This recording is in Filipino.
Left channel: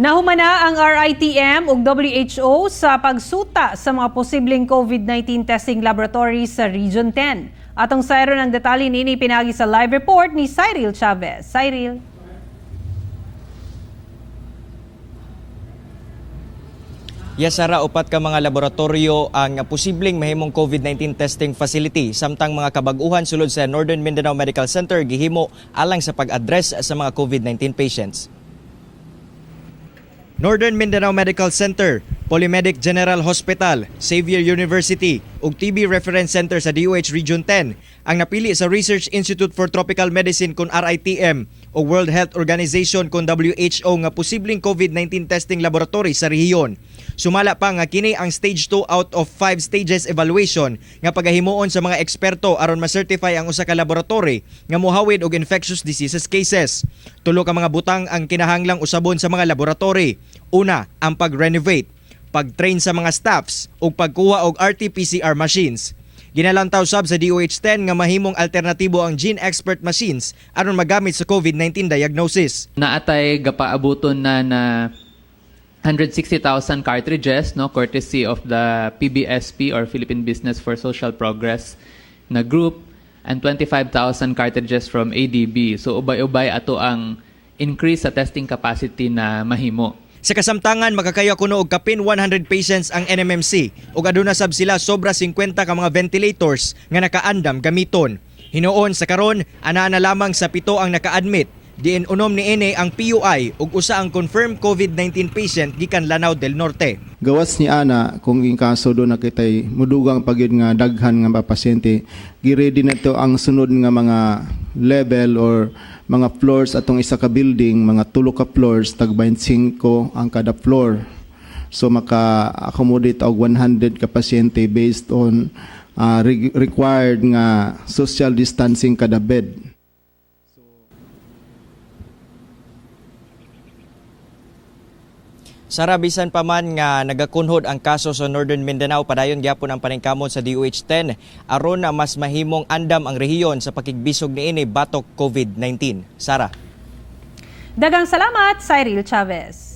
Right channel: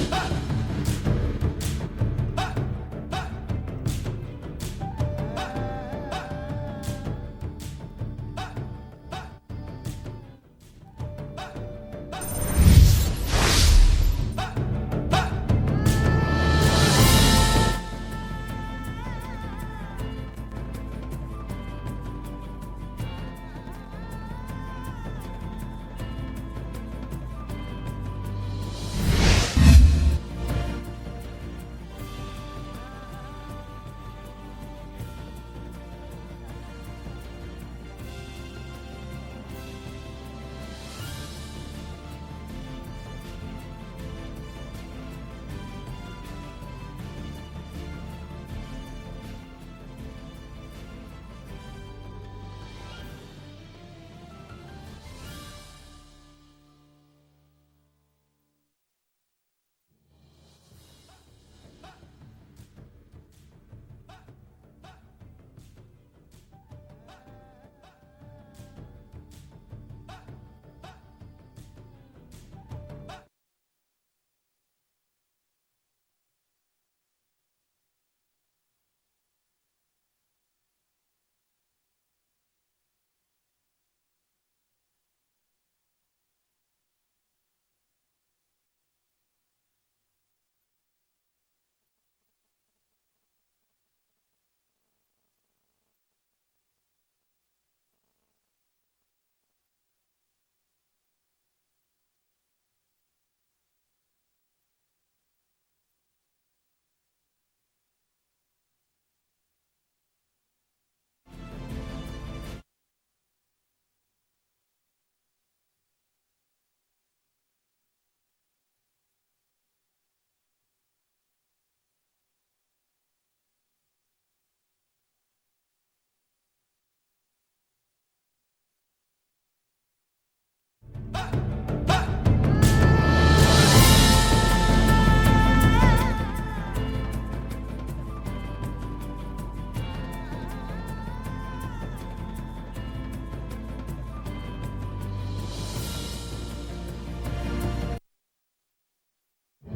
Nahumana ang RITM ug WHO sa pagsuta sa mga posibleng COVID-19 testing laboratories sa Region 10. Atong sayro ng detalye nini pinagi sa live report ni Cyril Chavez. Cyril. Yasara upat ka mga laboratorio ang posibleng mahimong COVID-19 testing facility samtang mga kabaguhan sulod sa Northern Mindanao Medical Center gihimo alang sa pag-address sa mga COVID-19 patients. Northern Mindanao Medical Center, Polymedic General Hospital, Xavier University ug TB Reference Center sa DOH Region 10 ang napili sa Research Institute for Tropical Medicine kun RITM o World Health Organization kun WHO nga posibleng COVID-19 testing laboratory sa rehiyon. Sumala pa nga kini ang stage 2 out of 5 stages evaluation nga pagahimuon sa mga eksperto aron ma-certify ang usa ka laboratory nga mohawid og infectious diseases cases. Tulo ka mga butang ang kinahanglang usabon sa mga laboratory. Una, ang pag-renovate, pag-train sa mga staffs ug pagkuha og RT-PCR machines. Ginalantaw sab sa DOH-10 nga mahimong alternatibo ang gene expert machines aron magamit sa COVID-19 diagnosis. Naatay gapaabuton na 160,000 cartridges, no, courtesy of the PBSP or Philippine Business for Social Progress na group, and 25,000 cartridges from ADB. So ubay-ubay ato ang increase sa testing capacity na mahimo. Sa kasamtangan, makakaya kuno og kapin 100 patients ang NMMC ug aduna sab sila sobra 50 ka mga ventilators nga nakaandam gamiton. Hinuon sa karon, ana na lamang sa 7 ang naka-admit. Diin unom ni ene ang PUI ug usa ang confirmed COVID-19 patient gikan Lanao del Norte. Gawas ni ana kung in kaso do nakitay mudugang pagyud nga daghan nga pasyente, gi-ready na to ang sunod nga mga level or mga floors atong isa ka building, mga 3 ka floors tag 25 ang kada floor. So maka-accommodate og 100 ka pasyente based on required nga social distancing kada bed. Sara, bisan pa man nga nagakunhod ang kaso sa Northern Mindanao, padayon gyapon ang paningkamot sa DOH-10 aron na mas mahimong andam ang rehiyon sa pakigbisog niini batok COVID-19. Sara. Daghang salamat, Cyril Chavez.